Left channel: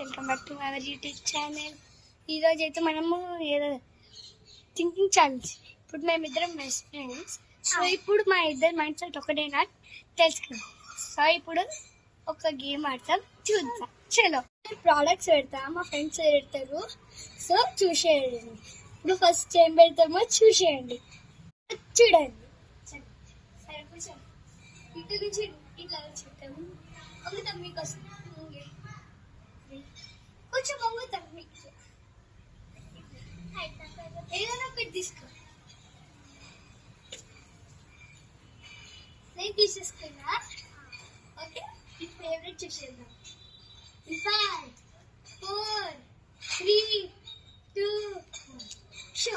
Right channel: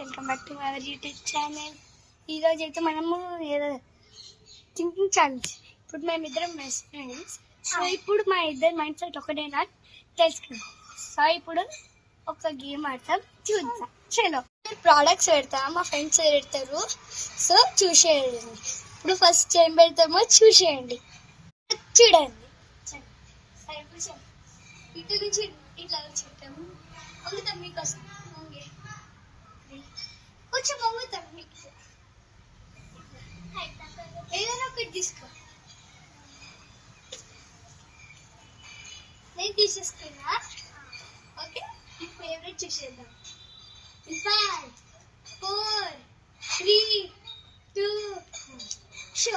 Welcome back to our YouTube channel. ఈరోజు అయితే మనము ఏదో థింకింగ్ ఛాలెంజ్. ఇప్పుడు మేమిద్దరం బెస్ట్ ఫ్రెండ్స్. సో ఇప్పుడు మా ఇద్దరు మైండ్ సెట్ ఒకటేనా తెలుసుకుందాం. సో ఇప్పుడు ఒక గేమ్ ఆడతాం, చూద్దాం. చలో, ప్రోడక్ట్స్ పెడతాం, మా ఫ్రెండ్స్ పెడతారు. సో చూసేయండి. ఇప్పుడు ఫస్ట్ ఏం పెడతామో చూసేయండి, చూడండి. సరే కూర్చోండి. ఇటు నుంచి ఇట్లా చెప్తాము. వంగుతాం మీకోసం. కొంచెం వంగుతాం మీకు. ఏదైనా ఒకటి తీసుకో. నేను తీసేసుకున్నా. ఓకే, మీ ఫేవరెట్ చూసేద్దాం. 5, 4, 3, 2 షో.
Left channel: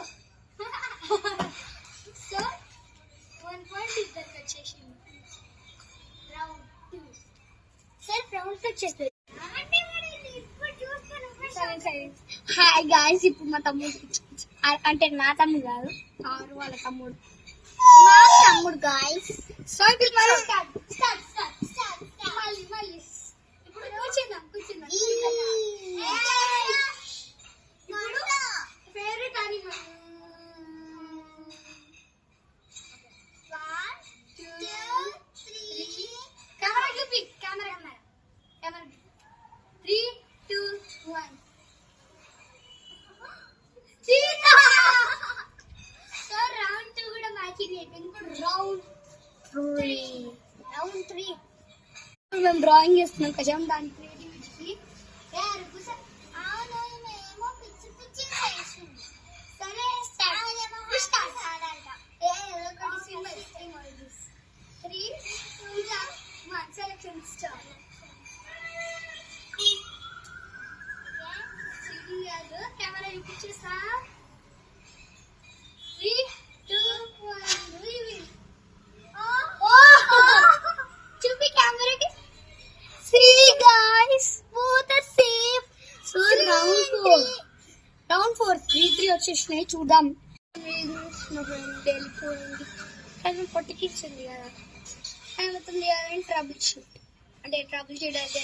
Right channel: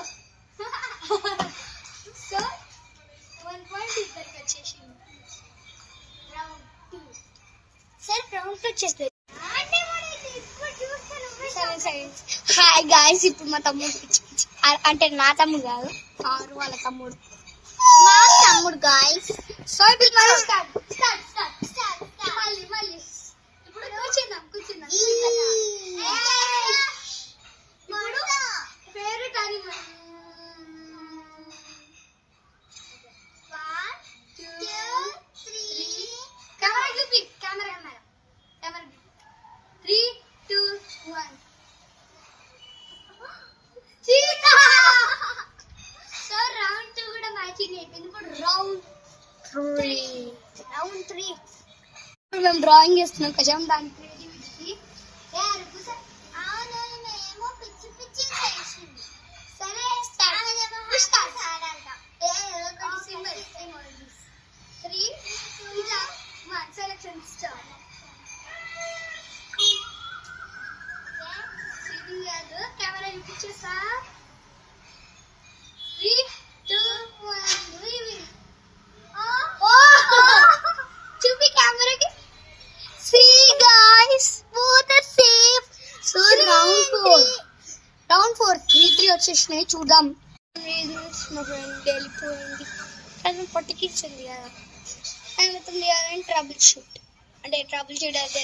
సో 1 పాయింట్ ఇద్దరికి వచ్చేసింది. రౌండ్ 2. సరే, రౌండ్ 2 వచ్చేస్తుంది. హాయ్ గాయ్స్, ఇప్పుడు మా తమ్ముడు అంటే నా తమ్ముడు కాదు, ఆరు వాళ్ళ తమ్ముడు, మా తమ్ముడు గాయ్స్. సో ఇప్పుడు మళ్ళీ స్టార్ట్. మళ్ళీ ఇప్పుడు కూర్చుందాం. Favourite animal. 1, 2, 3. కెమెరా చూపి. కెమెరా 3, 2, 1. సో రౌండ్ 2 కూడా మ్యాచింగ్ అయిపోయింది. ఇప్పుడు రౌండ్ 3. ఇప్పుడు మేము డ్రాయింగ్ చేస్తున్నాం కదా, దాని క్రియేటివిటీ. సరే, స్టార్ట్. 3, 2, 1. Selection start. కెమెరా చూపించేస్తా. 3, 2, 1. చూపి కెమెరాకి. See guys, both are safe. So round 4 3 వచ్చేసినాయి. చూద్దాం. మా ఫ్రెండ్ వెళ్ళిపోయింది కానీ పట్టుకిచ్చింది కదా. మొత్తం చేయాలని ట్రబుల్ షూట్ అయితే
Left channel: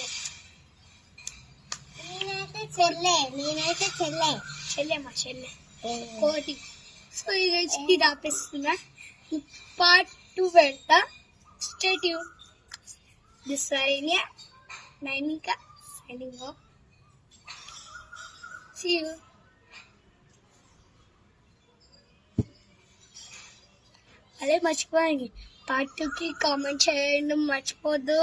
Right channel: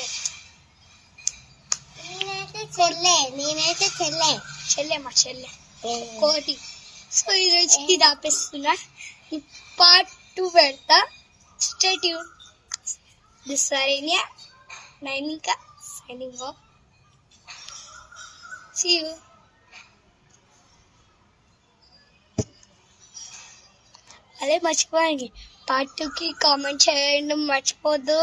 నేనైతే చెల్లె మా చెల్లె కోటి. సో ఈరోజు ఇది ఆపేస్తున్నా. పార్ట్ 2 పెడతా. Stay tune. దిస్ సరేనియా Nainika signing off. See you. అదే మర్చిపోయింది, పార్ట్ 2కి కామెంట్ చేయడం మర్చిపోద్దు.